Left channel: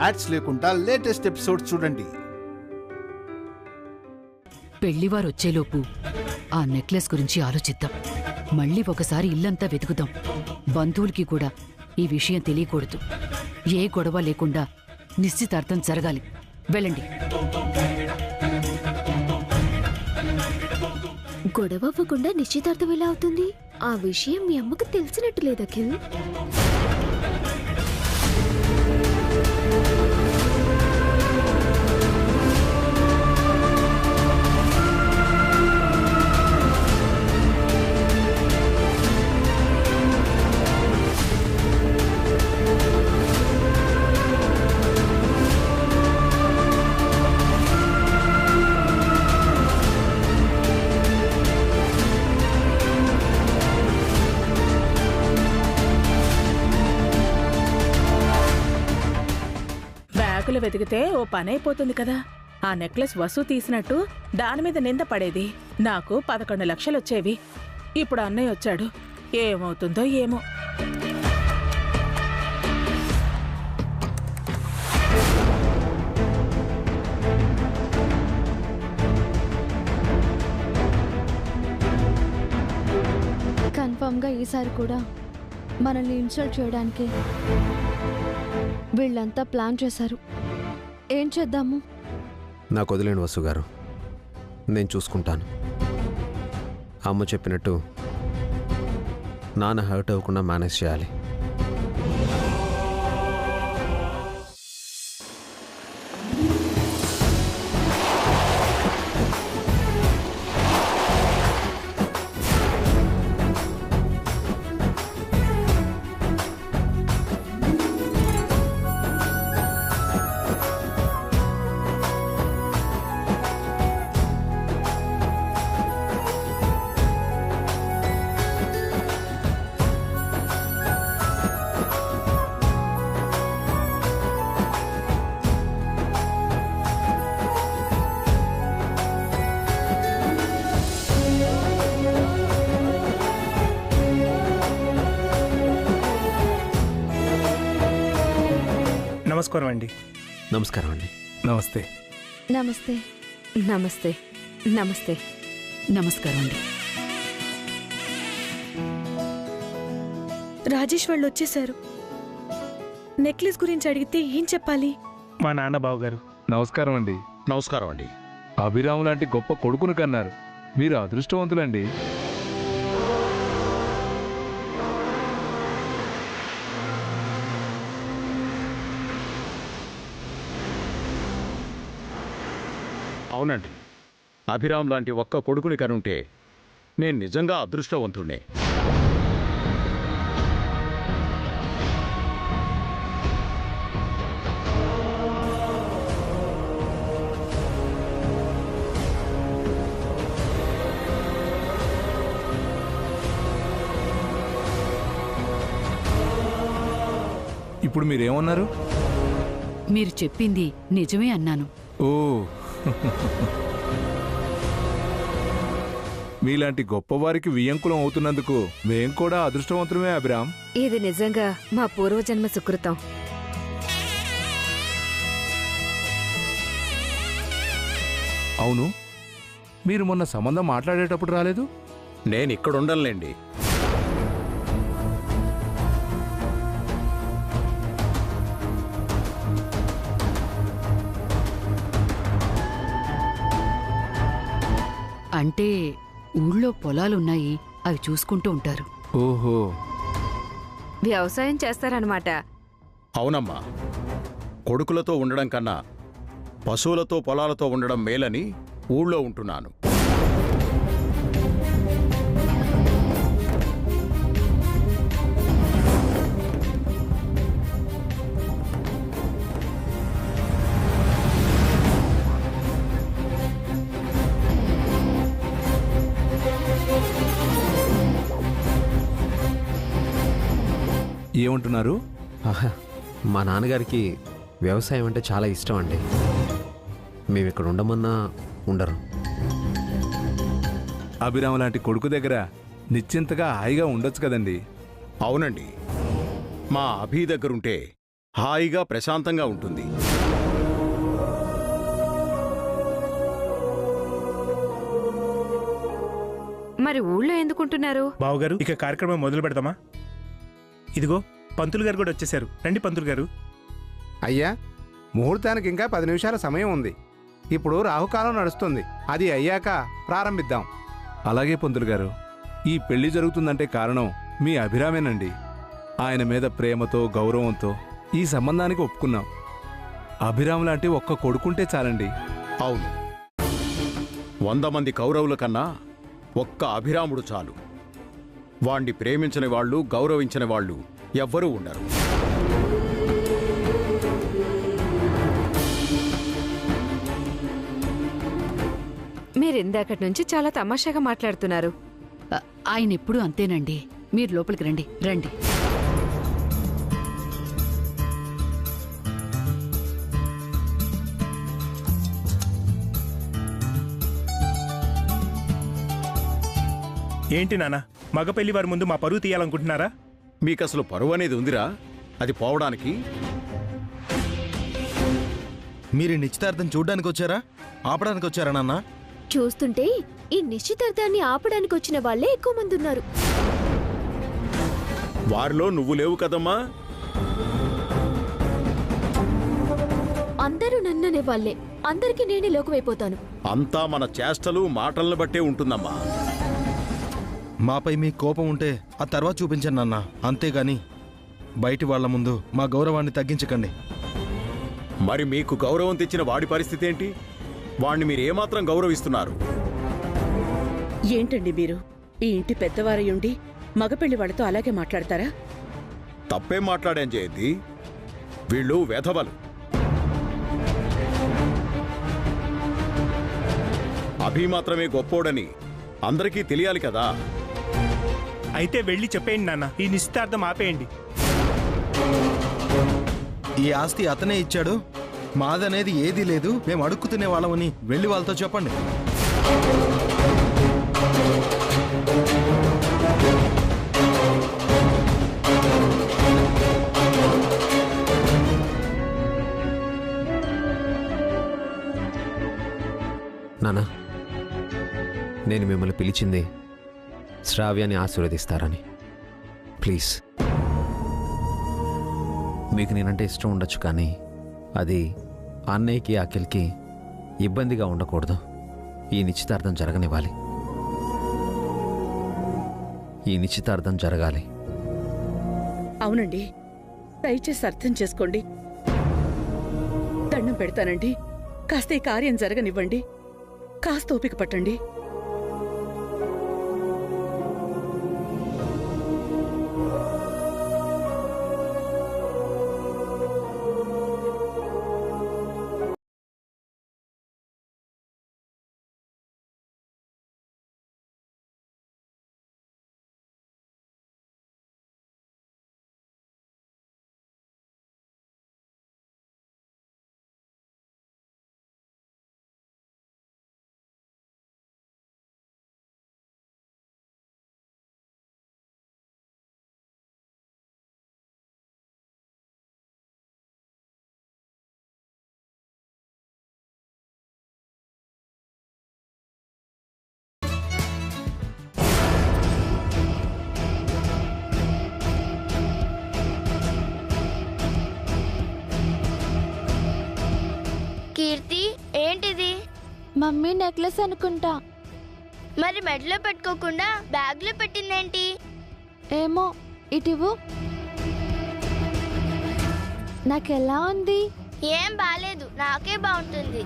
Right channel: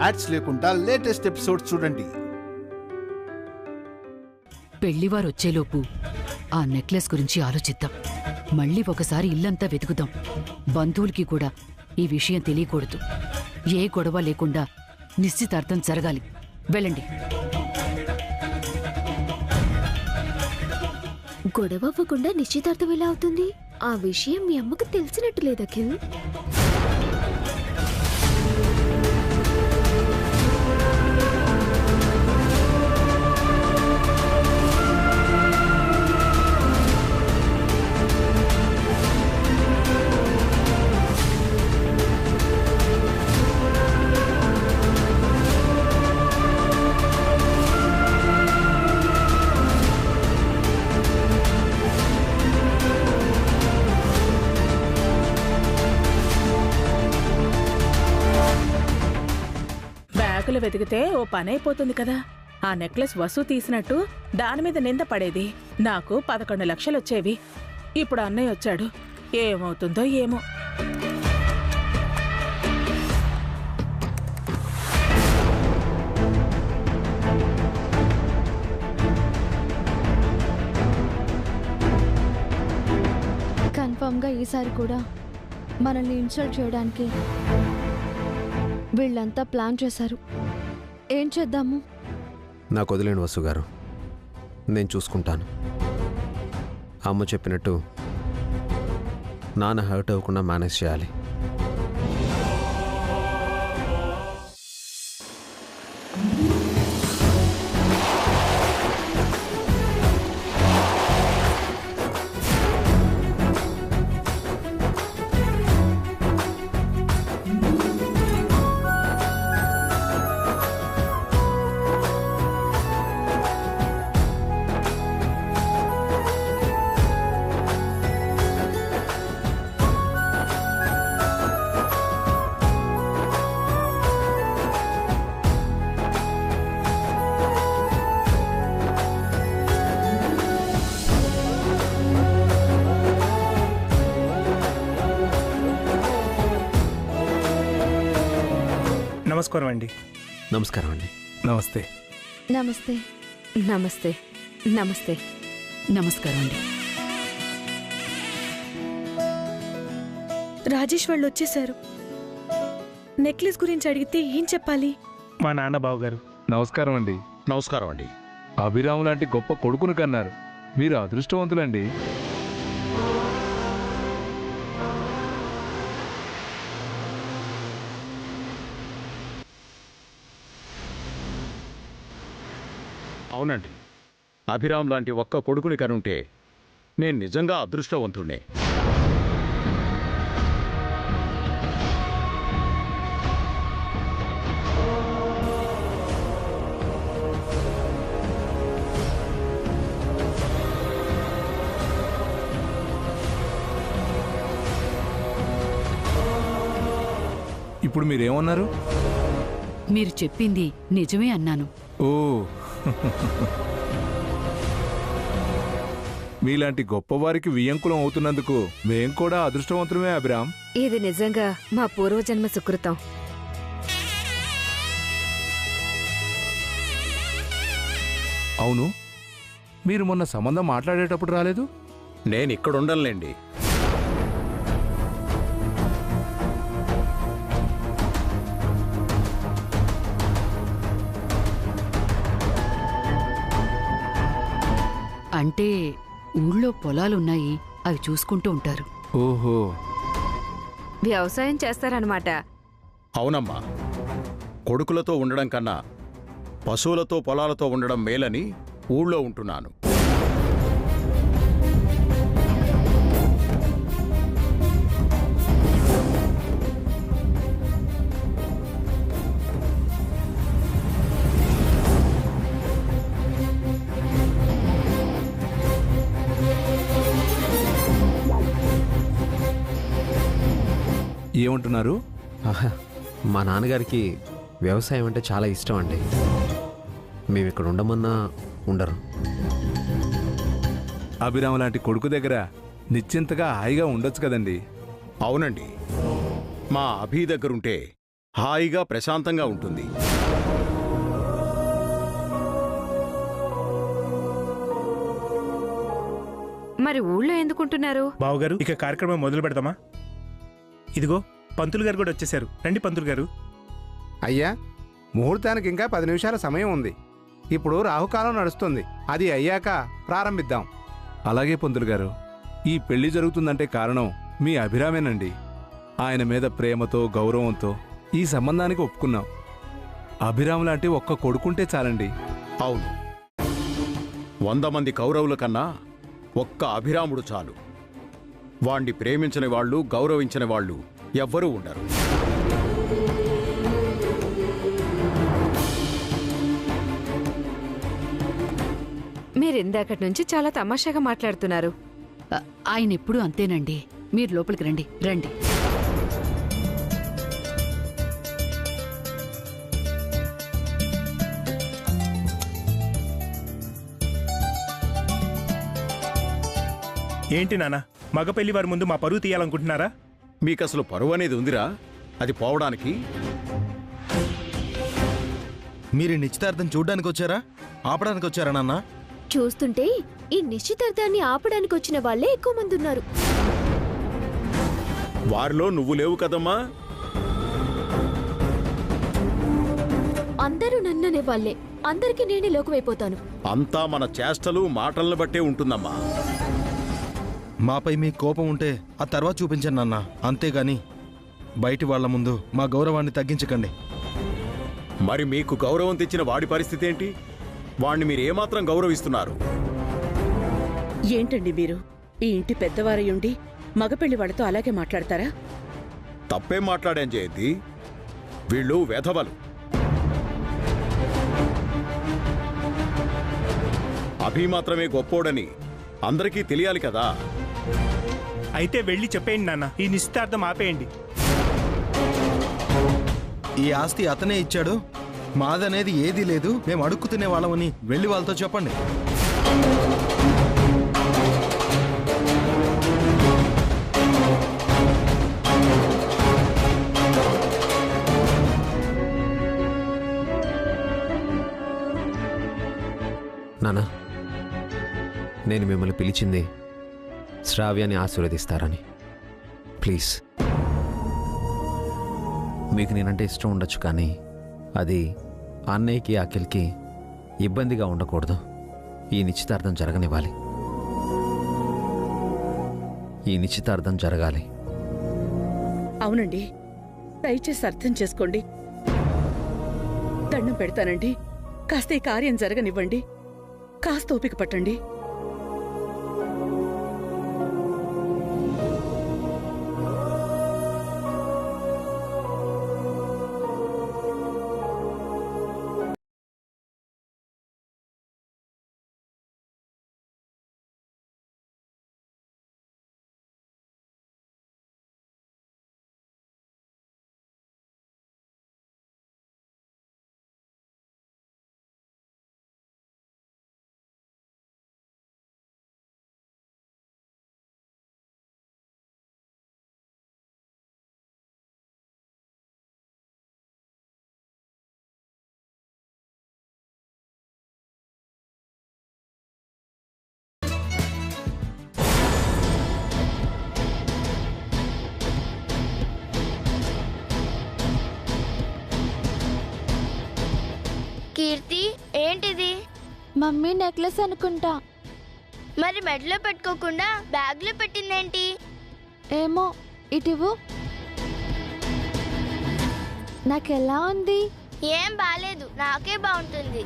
Ads లేకుండా latest episode చూడండి. పెళ్లివారు వచ్చేలోపు ఆ నెక్లెస్ గురించి ఆలోచిద్దాం. మళ్ళీ ఒకసారి ఇల్లంతా వెతుకుదాం. బంధువులకి కూడా ఈ విషయం తెలియకూడదు. ఏ గొడవ లేకుండా నిశ్చితార్థం జరగాలి. వెళ్ళండి. గొడవ అవ్వకుండా నిశ్చితార్థం ఎలా అవుతుంది? ఆ విషయం మీ అమ్మకు తెలిసినట్టు లేదు అఖిల్. బ్యాగులు వెతికితే ఓ పనైపోతుంది కదా. ఆ నెక్లెస్ వసు తీసినట్టు దాని మీద నింద పడేది. నాకు 11 లక్షలు వచ్చేవి. ఇప్పుడు అన్నయ్య వచ్చాడు. ఏమవుతుందో ఏమో. కన్ఫర్మ్గా ఈసారి కూడా మనల్ని ఇన్సల్ట్ చేయడానికి వీళ్ళంతా ప్లాన్ చేశారు. ఏం చేద్దాము? నాకు వదిలేండి వసు గారు, నేను చూసుకుంటాను. అమ్మ చెప్పినట్టు నాన్న హర్ట్ అవ్వకుండా మేనేజ్ చేయాలి. నమస్కారం అండి. నమస్కారం అండి. నమస్తే. నమస్తే. నమస్తే. నమస్తే. నమస్కారం అండి. రాజేష్ వాళ్ళు వచ్చేశారు. నెక్లెస్ గురించి అడిగితే ఏం చెప్పాలి? మా నాన్న బావగారు. నమస్కారం అండి. నమస్కారం అండి. అభిరాము లాంటి గొప్ప కొడుకును కన్నారు. మీరు అదృష్టవంతులండి. అవునండి, అభిరామ్ లాంటి ఒక్క కొడుకుని కనుంటే నేను నిజంగా అదృష్టవంతుణ్ణే. ఇప్పుడు మీరేమన్నారు? మీరు చెప్పింది నిజమే అన్నాను. ఓ మీలాంటి గొప్పవారికి వియంకులం అవుతున్నందుకు మేం కూడా అదృష్టవంతులమే అభిరామ్. ఇది నిజంగా మా పూర్వజన్మ సుకృతం. అవును, మీరు మొన్న సంబంధం మాట్లాడేటప్పుడు రాలేదు. నేను ఇక్కడుండనులేండి. అంటే ఊళ్ళో పొలాలున్నాయి, అవి చూసుకుంటూ ఉంటారు. ఓహో, వ్యవసాయం చేస్తారన్నమాట. అవునమ్మా, కొడుకులతో ఉండడం కన్నా పశువులతో పొలాలతో ఉండడం మేలని ఊళ్ళో ఉంటున్నాను. ఏమంటున్నారు? మా నాన్నగారికి వ్యవసాయం అంటే చాలా ఇష్టం అండి. మేము ఇక్కడ ఉండమన్నా ఉండరు. అభిరామ్ లాంటి కొడుకు దగ్గర నిశ్చింతగా హాయిగా ఉండొచ్చు కదండి. అవునండి, మా అభి దగ్గరుంటే హాయిగా ప్రశాంతంగా ఉంటుంది. మరి ఊళ్ళో ఎందుకుంటున్నారు? బావగారు ఇక కార్యక్రమం మొదలు పెడదామా? ఇదిగో పంతులు గారు కూడా వచ్చేసారు. రండి పంతులు గారు. అయ్యా, ముహూర్తానికి ఇంకా 10 నిమిషాల సమయం ఉంది. ఇప్పుడు రాహుకాలం నడుస్తుంది. అది అయ్యాక ప్రారంభిద్దాం. అలాగే పంతులు గారు, ఈ పెళ్లి జరుగుతుందంటే కారణం మీ అభిరామేనండి. ఆయన మీద ప్రేమతో గౌరవంతో ఈ సంబంధానికి ఒప్పుకున్నాం. అభిరామ్ లాంటి ఒక్క కొడుకుంటే చాలండి. అవును, 100 మంది కౌరవుల కన్నా ఒక్క అభిరాముడు చాలు. వాణ్ణి ప్రేమించని వాళ్ళు, గౌరవించని వాళ్ళు ఎవ్వరూ ఉండరు. మీరిందాకటి నుంచి చాలా తమాషాగా మాట్లాడుతున్నారు. ఆయన ఎప్పుడూ అంతేనండి. మీరు లోపలికి రండి. రండి. ఏంటి నాన్న, మగ పెళ్లి వారి ముందు మా పరువు తీయాలనుకుంటున్నారా? మీకసలు పరువు అనేది ఉందిరా? అది పోవడానికి? మీరు నిశ్చితార్థం చూడ్డానికి వచ్చారా, ఆపడానికి వచ్చారా నాన్న? చూస్తుంటే ఈ నిశ్చితార్థాన్ని ఆపడానికి వచ్చిన వాళ్ళే ఎక్కువ మంది ఉన్నారు. వారిలో నువ్వు లేవు కదమ్మా. అందరూ నన్ననే వాళ్ళే. అందరికీ నేనే లోకమైపోతాను. అంతా మన చేష్టలు మాటలను బట్టే ఉంటుందమ్మా. మాపై మీ కోపం ఉంటే ఆ తర్వాత చూపించండి నాన్న, అంతేగాని బయటి వాళ్ల ముందు మా గౌరవాన్ని తగ్గించకండి. మరి మీకు గౌరవం తెచ్చిన వాడి పరిస్థితి ఏంటి? వాణ్ణి మీరేమాత్రం గౌరవిస్తున్నారు? ఏంటండి మీరు ఈ ఇంటి పెద్దవారయ్యుండి మగపెళ్లి వాళ్ళతో అలాగే మాట్లాడతారా? తప్పేం మాట్లాడాం జయంతి? వీళ్ళు వెధవలు. అభి మాత్రమే గొప్పోడని అందరికీ తెలియాలి కదా. అయితే వెళ్ళి చెప్పేయండి నాన్న, ఈ నిశ్చితార్థం ఆపేయండి. ఈ ఆస్తి అతనే ఇచ్చాడు, మాదనేది ఏదీ లేదు, మేము అడుక్కు తినే వాళ్ళమని వెళ్ళి వాళ్ళతో చెప్పండి. నానా, నేను మిమ్మల్ని పిలిచింది శ్రావ్యాన్ని ఆశీర్వదిస్తారని. ప్లీజ్, మీకు నేనంటే ఇష్టం ఉండొచ్చు, కానీ అది అన్నయ్యకి అఖిల్కి ఇబ్బందిగా ఉండకూడదు. ఈ నిశ్చితార్థం జరగనివ్వాలి. ఈ నిశ్చితార్థం జరగాలి. అవునండి, దయచేసి అర్థం చేసుకోండి. దండం పెడతానండి, కాస్త ఈ కార్యం జరగనివ్వండి. కాస్త ఓపిక పట్టండి. కీర్తి, ఏంటిది? మమ్మీ నెక్లెస్ అనుకుంటా. మరి మెడలో పెట్టుకోకుండా బ్యాగ్లో పెట్టిందేంటి? ఏమో, ఇటివు. నాకెలా ఉంది? ఏం బాలేదు, నాకే బాగుంటుంది.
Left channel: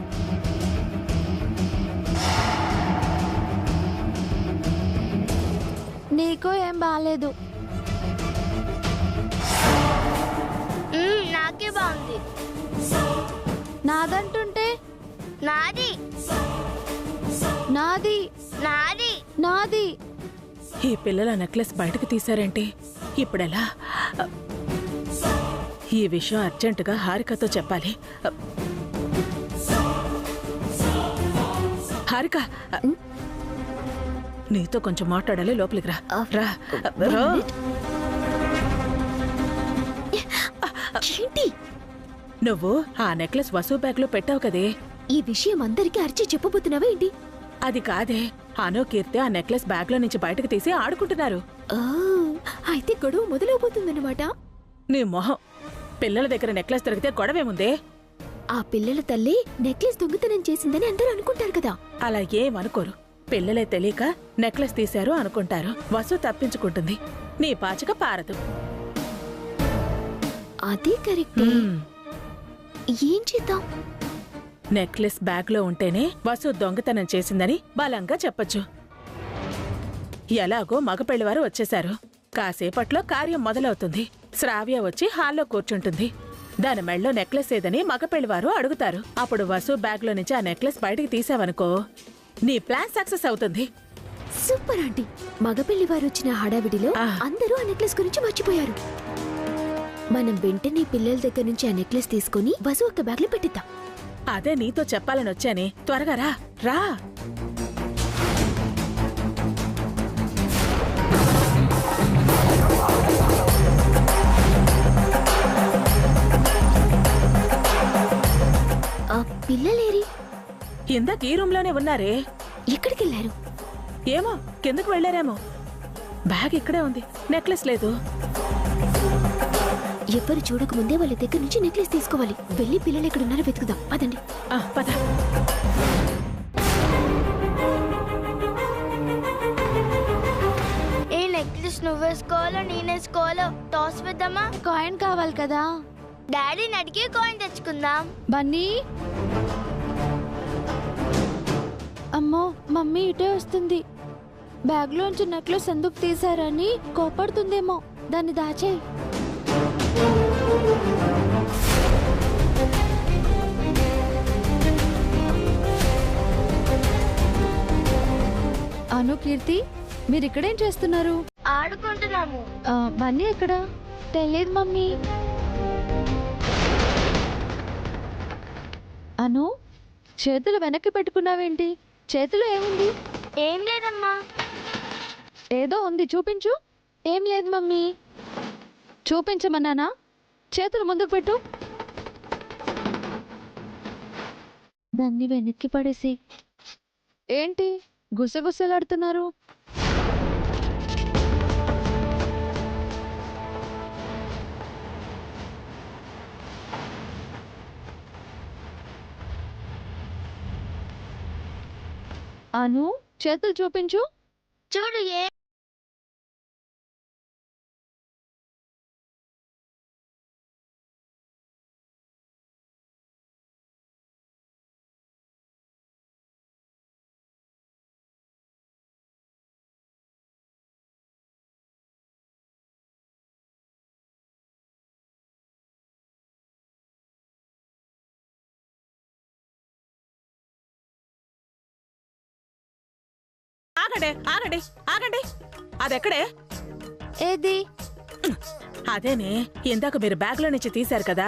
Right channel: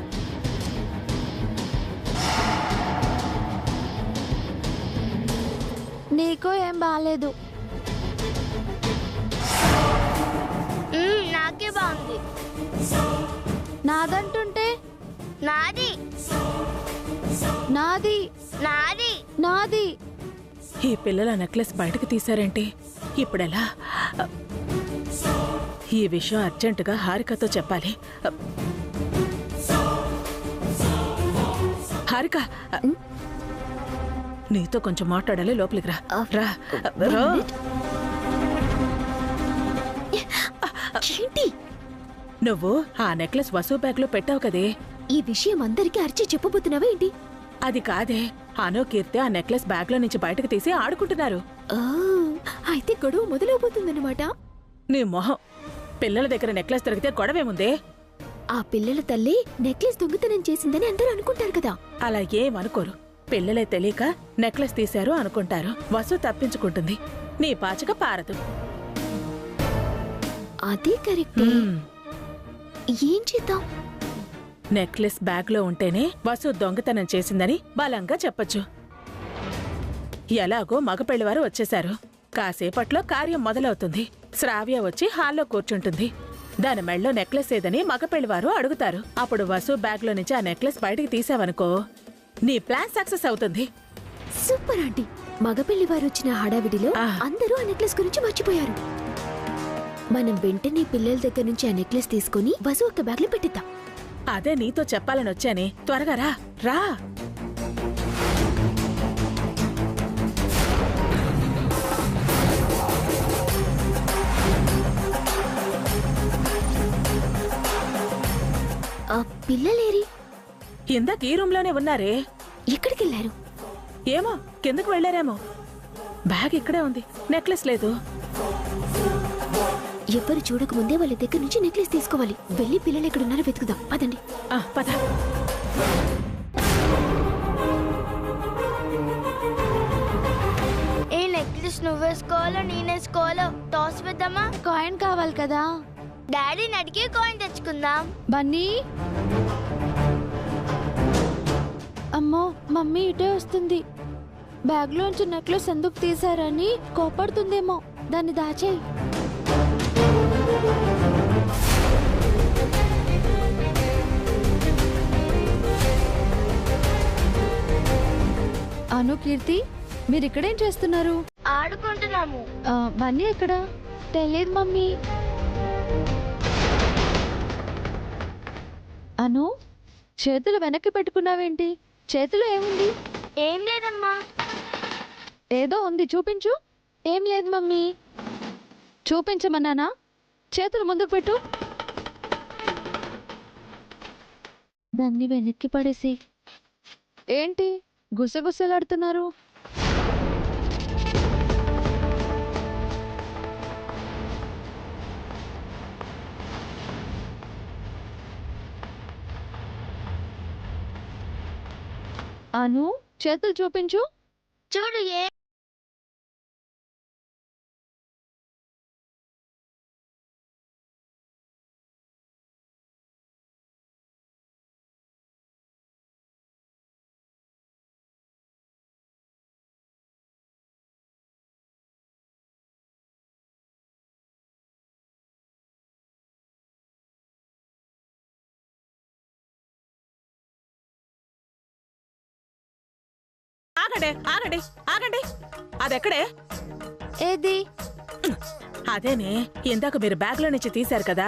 నీకో ఏం బాలేదు. నాకే బాగుంది. నాదంటుంటే? నాది నాది నాది నాది. ఈ పిల్లల నెక్లెస్ బయటకు తీశారేంటి? ఇప్పుడెలా? ఈ విషయం అర్జెంటుగా హారికతో చెప్పాలి. హారిక, నీతో కొంచెం మాట్లాడాలి. లోపలికి రా. రా. ఏంటి? నువ్వు ఆ నెక్లెస్ వసు బ్యాగ్లో పెట్టావు కదే. ఈ విషయం అందరికీ అరిచి చెప్పబోతున్నావా ఏంటి? అది కాదే, అను కీర్తి ఆ నెక్లెస్ బ్యాగ్లో నుంచి బయటకు తీసి ఆడుకుంటున్నారు. ఆ, అయితే గొడవ మొదలవబోతుందన్నమాట. నీ మొహం, పిల్లల దగ్గర నెక్లెస్ దొరికితే గొడవేముందే? ఆ పిల్లల తల్లి నెక్లెస్ దొంగతనం చేసిందని అందరూ అనుకుంటారు కదా. అలా ఏమనుకోరు. పిల్లలే తెలియక నెక్లెస్ తీశారు అనుకుంటారు. వసు తప్పించుకుంటుంది, నీ పాచిక పారదు. అదే కరెక్టే. ఏం చేద్దాం? నెక్లెస్ బ్యాగ్లో ఉంటేనే వసు దొంగతనం చేసిందని బలంగా చెప్పొచ్చు. ఎలాగో మగపెళ్లివారు వచ్చేశారు. కాసేపట్లో కార్యం మొదలవుతుంది. శ్రావ్య వచ్చి హాల్లో కూర్చుంటుంది. దాని మెళ్ళో నెక్లెస్ ఏదని మగపెళ్లివారు అడుగుతారు. అప్పుడు వసు బ్యాగ్లో నుంచి ఆ నెక్లెస్ బయటికి తీసావనుకో, నీ ప్లాన్ సక్సెస్ అవుతుంది. Super aunty. మగపెళ్లి వారు వచ్చిన హడావిడిలో అందరూ ఆ నెక్లెస్ గురించి మర్చిపోయారు. మనం వెంటనే పిల్లల దగ్గర నుంచి ఆ నెక్లెస్ తీసుకుని వసు ఒక బ్యాగ్లో పెట్టిద్దాం. అదే నీతో చెప్పాలని వచ్చానే. త్వరగా రా రా. ఆ పిల్లలేరి? ఇందాక ఈ రూమ్లోనే ఉన్నారే. ఎక్కడికెళ్లారు? ఏమో, కిందకు వెళ్లారేమో. బ్యాగ్ ఇక్కడే ఉంది, నెక్లెస్ లేదు. ఎవ్వరు చూడకముందే వాళ్ళ దగ్గర నుంచి నెక్లెస్ తీసుకోవాలి. వెళ్ళి పిల్లలు ఎక్కడున్నారో వెతుకుదాం. పదండి. పద. ఏ నెక్లెస్ నువ్వేసుకోవాలో నేనేసుకోవాలో టాస్ వేద్దామా? కాయిన్ కావాలి కదా. డాడీని అడిగి కాయిన్ తెచ్చుకుందాం. బన్నీ. అమ్మో, మమ్మీ ఇటే వస్తుంది. బ్యాగ్లోంచి నెక్లెస్ ఎందుకు తీశారని కోపడుతుందేమో. దాన్ని దాచేయి. అను, కీర్తి, మీరు ఇక్కడేం చేస్తున్నారు? ఆడుకుంటున్నాము. బన్నీ ఎక్కడ? తెలియదు మమ్మీ. అను, చేతులు వెనక్కి పెట్టుకున్నావేంటి? చేతిలో ఏముంది? ఏం లేదమ్మా. ఏదో ఉంది, చూపించు. ఏం లేదు మమ్మీ. చూపించమన్నానా? చేతులు ముందుకు పెట్టు. దాన్ని వెనక్కి పడేసి. ఏంటి గుసగుసలాడుతున్నారు? అను, చేతులు చూపించు. చూడు. ఆగండి ఆగండి ఆగండి. అదెక్కడే? ఏది? అదేనే, ఇందాక మీరు బ్యాగ్లో నుంచి తీశారు కదా.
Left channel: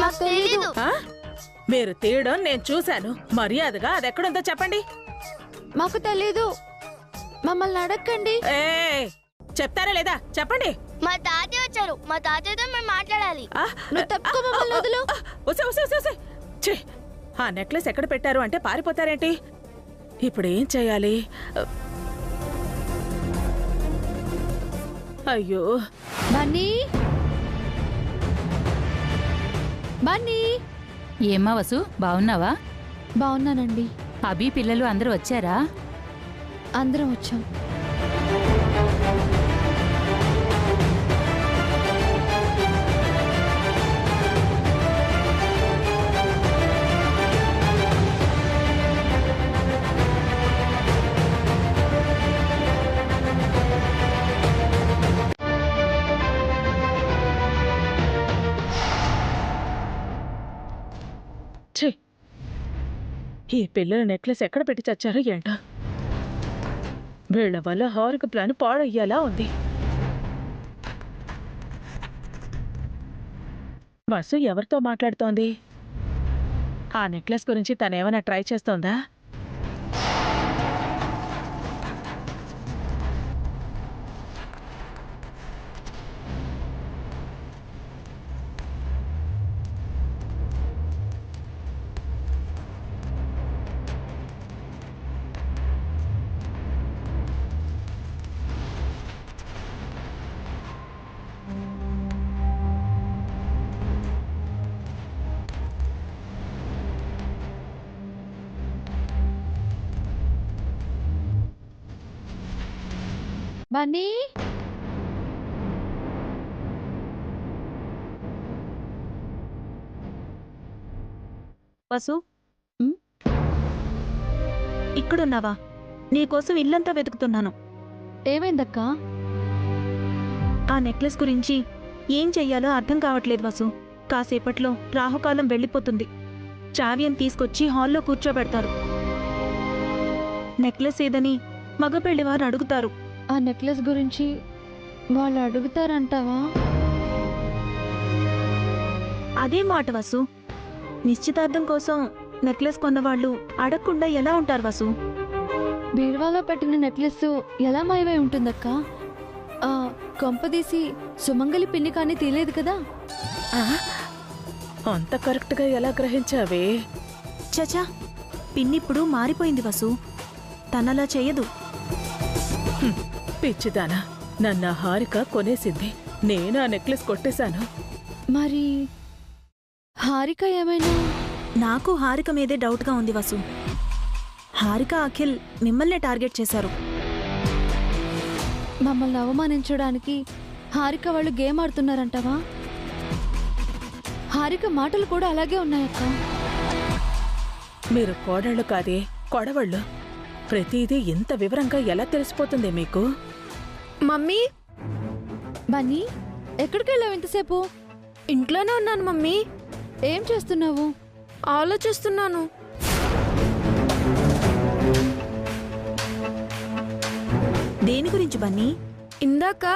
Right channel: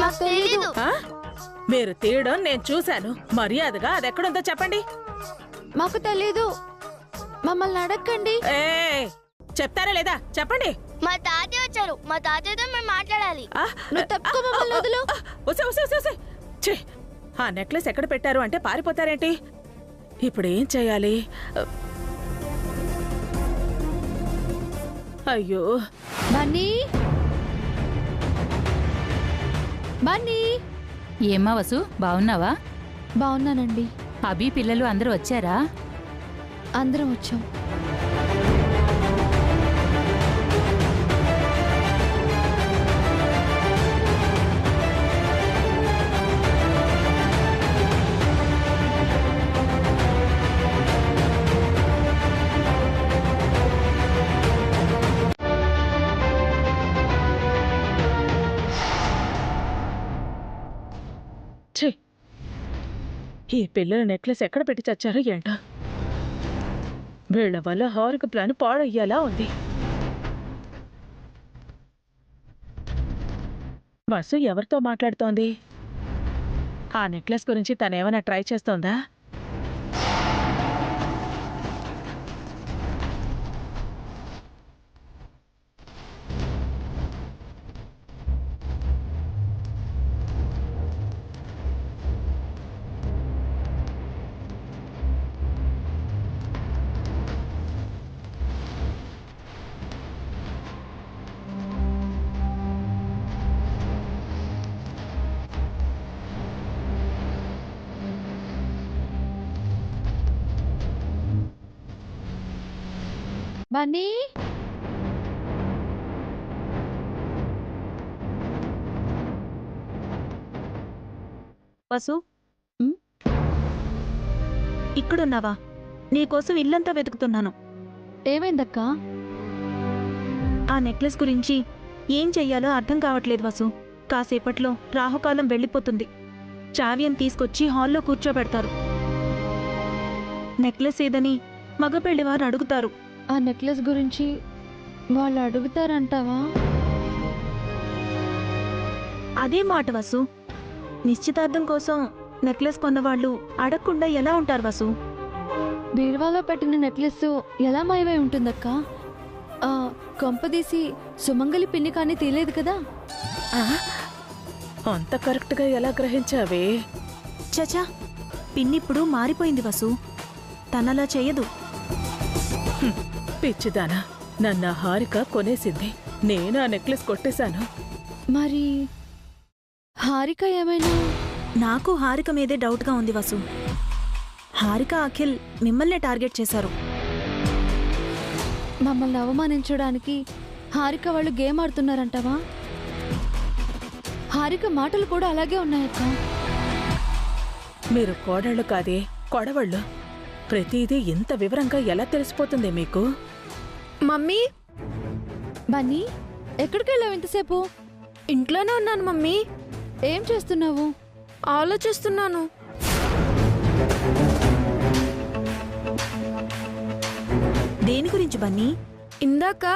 మాకు తెలీదు. మీరు తీయడం నేను చూశాను. మర్యాదగా అదెక్కడుందో చెప్పండి. మాకు తెలీదు. మమ్మల్ని అడగండి. చెప్తారా లేదా చెప్పండి. మా తాతయ్య వచ్చారు. మా తాతయ్యతో మేము మాట్లాడాలి. నువ్వు తప్పుకో, మమ్మల్ని వదులు. ఛీ, ఆ నెక్లెస్ ఎక్కడ పెట్టారు అంటే పారిపోతారేంటి? ఇప్పుడు ఏం చేయాలి? అయ్యో. బన్నీ, బన్నీ. ఏమ్మా వసు, బావున్నావా? బావున్నానండి. అభి పిల్లలు అందరూ వచ్చారా? అందరం వచ్చాం. ఈ పిల్లల నెక్లెస్ ఎక్కడ పెట్టి చచ్చారో ఏంటో. వీళ్ల వల్ల హారిక ప్లాన్ పాడయ్యేలా ఉంది. వసు ఎవరితో మాట్లాడుతోంది? ఆ నెక్లెస్ గురించి తనేమైనా ట్రై చేస్తోందా? బన్నీ వసు ఇక్కడున్నావా? నీకోసం ఇల్లంతా వెతుకుతున్నాను. ఏమైందక్కా? ఆ నెక్లెస్ గురించి ఏం చెయ్యాలో అర్థం కావట్లేదు వసు. కాసేపట్లో రాహుకాలం వెళ్ళిపోతుంది. శ్రావ్యం తీసుకొచ్చి హాల్లో కూర్చోబెడతారు. నెక్లెస్ ఏదని మగ పెళ్లివారు అడుగుతారు. ఆ నెక్లెస్ గురించి వాళ్ళు అడుగుతారంటావా? అదే మాట వసు. నిశ్చితార్థం కోసం నెక్లెస్ కొన్నవాళ్ళు అడగకుండా ఎలా ఉంటారు వసు? బీరువాలో పెట్టిన నెక్లెస్ ఎలా మాయమై ఉంటుందక్కా? కొంపదీసి సుమంగలి పిన్ని కానీ తెలియదు కదా? అంత కరెక్ట్గా ఎలా గ్రహించావే? చచా, పిన్నిప్పుడు మారిపోయింది వసు. తనలా చెయ్యదు. పిచ్చిదానా, నన్న హారిక కొనేసింది. నేను ఆ నెక్లెస్ కొట్టేశాను. మరి హారిక ఏమైనా? నాకు హారిక మీదే డౌట్గా ఉంది వసు. హారిక, అఖిల్ మిమ్మల్నే టార్గెట్ చేశారు. మమ్మల్ని అవమానించడానికి హారిక వాళ్ళు గేమ్ ఆడుతున్నారంటావా? హారిక మాటలు కూడా అలాగే ఉన్నాయక్క. మీరు కోడళ్ళు కాదే, కొడవళ్ళు. ప్రతిదీ ఇంత వివరంగా ఎలా తెలిసిపోతుంది మీకు? మమ్మీ, బన్నీ ఎక్కడికి వెళ్ళావు ఇంతసేపు? ఇంట్లోనే ఉన్నాను మమ్మీ. ఏం చేస్తున్నావు? ఆలోచిస్తున్నాను. దేని గురించి బన్నీ? ఇందాక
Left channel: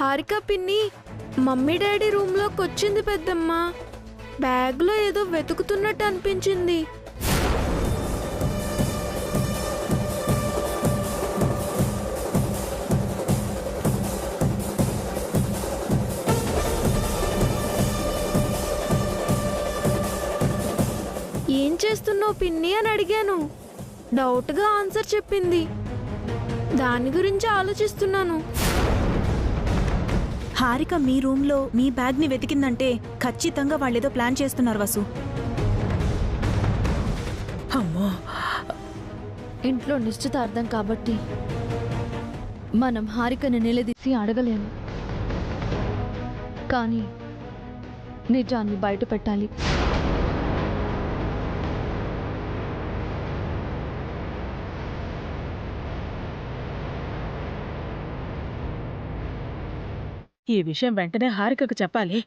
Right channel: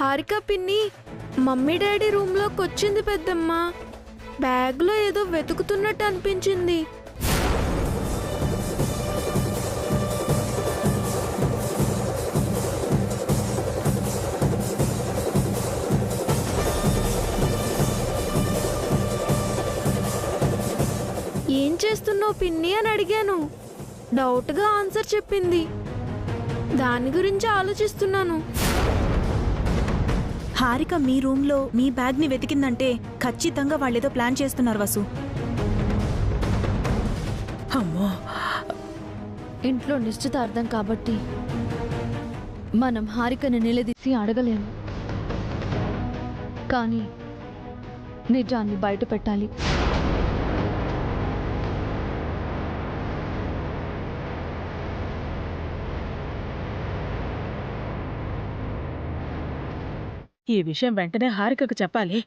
హారిక పిన్ని మమ్మీ డాడీ రూమ్లోకి వచ్చింది పెద్దమ్మ. బ్యాగ్లో ఏదో వెతుకుతున్నట్టు అనిపించింది. ఏం చేస్తున్నావు పిన్ని అని అడిగాను. డౌట్గా ఆన్సర్ చెప్పింది. దాని గురించి ఆలోచిస్తున్నాను. హారిక మీ రూమ్లో మీ బ్యాగ్ని వెతికిందంటే ఖచ్చితంగా వాళ్ళేదో ప్లాన్ చేస్తున్నారు వసు. అమ్మో, ఇంట్లో నిశ్చితార్థం కాబట్టి మనం హారికని నిలదీసి అడగలేము. కానీ నిజాన్ని బయట పెట్టాలి. ఈ విషయం వెంటనే హారికకు చెప్పాలి.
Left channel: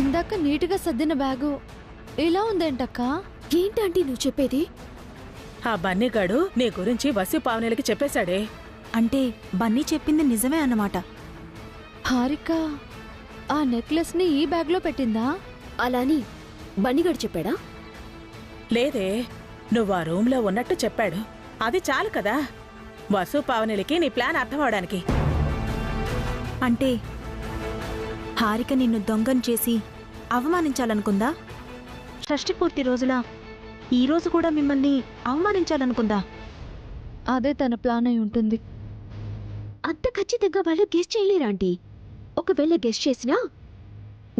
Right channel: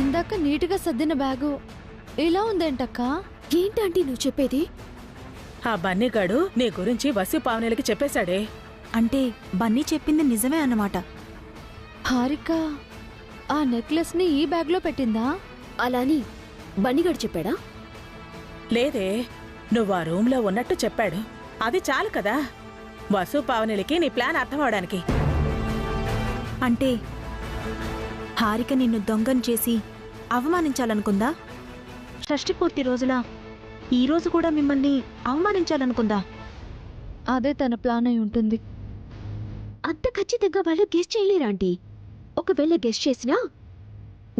ఇందాక నీటిగా సర్దిన బ్యాగు ఇలా ఉందేంటక్కా? ఏంటంటే నువ్వు చెప్పేది? ఆ బన్నీగాడు నీ గురించి వసి పావనేలకి చెప్పేశాడే. అంటే బన్నీ చెప్పింది నిజమే అన్నమాట. హారిక ఆ నెక్లెస్ని ఈ బ్యాగ్లో పెట్టిందా? అలాని బన్నీగాడు చెప్పాడా? లేదే, నువ్వు ఆ రూమ్లో ఉన్నట్టు చెప్పాడు. అది చాలు కదా వసు పావనేలకి నీ ప్లాన్ అర్థమవడానికి. అంటే హారిక నిన్ను దొంగను చేసి అవమానించాలనుకుందా? షష్ఠి పూర్తి రోజులా ఈరోజు కూడా మిమ్మల్ని అవమానించాలనుకుందా? అదే తన ప్లాన్ అయి ఉంటుంది. అంత ఖచ్చితంగా వాళ్ళు గెస్ చేయలేరా ఆంటీ? ఒకవేళ గెస్ చేసినా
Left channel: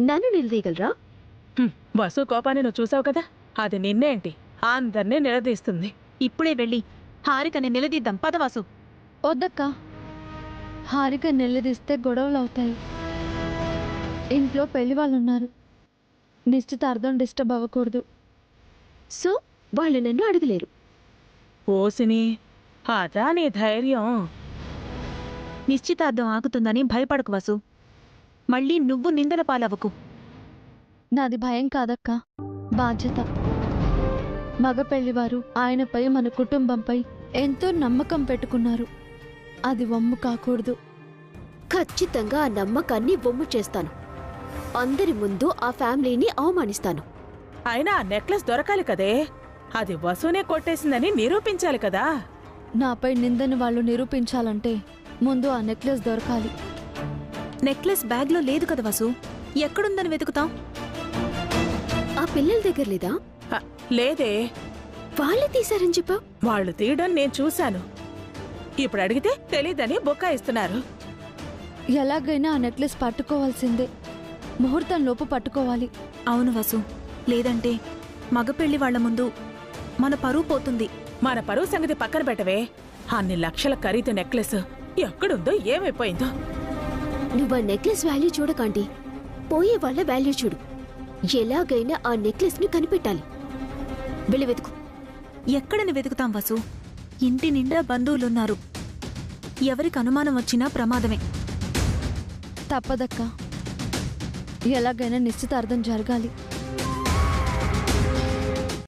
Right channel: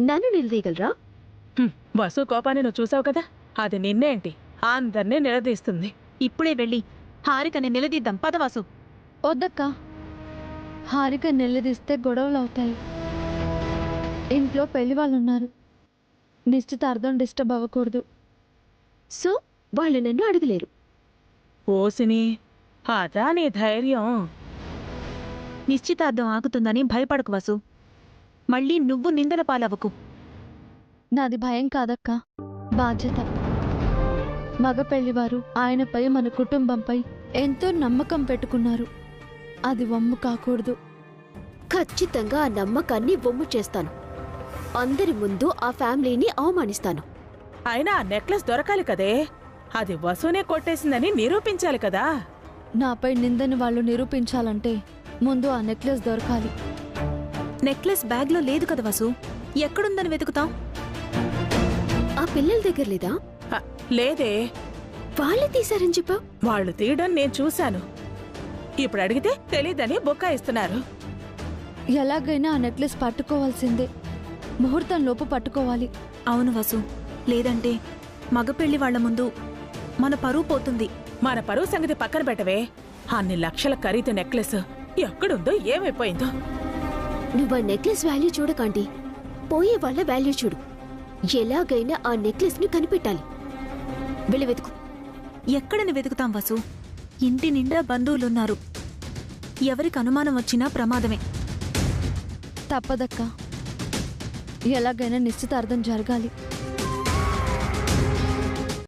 నన్ను నిలదీయగలరా? వసు కోపాన్ని నువ్వు చూసావు కదా, అది నిన్నేంటి అందరినీ నిలదీస్తుంది. ఇప్పుడే వెళ్ళి హారికని నిలదీద్దాం పదవాసు. వద్దక్క, హారిక నిలదీస్తే గొడవలు అవుతాయి. ఇంట్లో పెళ్లి వాళ్ళు ఉన్నారు. నిశ్చితార్థం డిస్టర్బ్ అవ్వకూడదు. సో వాళ్ళు నన్ను అడగలేరు. ఓసిని, అదా నీ ధైర్యం? నిశ్చితార్థం ఆగుతుందని భయపడకు వసు. మళ్ళీ నువ్వు నిందల పాలవకు. నాది భయం కాదక్క, బాధ్యత. మగ పెళ్లివారు ఆయనపై మన కుటుంబంపై ఎంతో నమ్మకం పెట్టుకున్నారు. అది వమ్ము కాకూడదు. ఖచ్చితంగా ఆ నమ్మకాన్ని వమ్ము చేస్తాను. అందరి ముందు ఆ ఫ్యామిలీని అవమానిస్తాను. అయినా ఆ నెక్లెస్ దొరకాలి కదే, అది వసునే కొట్టేసిందని నిరూపించాలి కదా. నాపై నిందని వాళ్ళు నిరూపించాలంటే ముందు ఆ నెక్లెస్ దొరకాలి. నెక్లెస్ బ్యాగ్లో లేదు కదా వసు. ఎక్కడుందని వెతుకుతాం? ఆ పిల్లల దగ్గర లేదా? లేదే. వాళ్ళే తీశారని చెప్పా. వాళ్ళు తీయడం నేను చూశాను. ఇప్పుడు అడిగితే తెలీదని బొక్కాయిస్తున్నారు. ఎలాగైనా ఆ నెక్లెస్ పట్టుకోవాల్సిందే. ముహూర్తం లోపు పట్టుకోవాలి. అవును వసు, లేదంటే మగపెళ్లి వాళ్ల ముందు మన పరువు పోతుంది. మన పరువు సంగతి పక్కన పెట్టవే. అన్ని లక్షల ఖరీదు నెక్లెస్ ఎక్కడుందో ఏమైపోయిందో. నువ్వు ఆ నెక్లెస్ వాల్యూ చూడకండి, పోయే వాళ్ళ వాల్యూ చూడు. ఎలాగైనా ఆ నెక్లెస్ ని కనిపెట్టాలి. వెళ్ళి వెతుకు. ఎక్కడని వెతుకుతాం వసు? ఇంటి నిండా బంధువులున్నారు. ఎవరికి అనుమానం వచ్చినా ప్రమాదమే. తప్పదక్క, ఎలాగైనా నిశ్చితార్థం జరగాలి.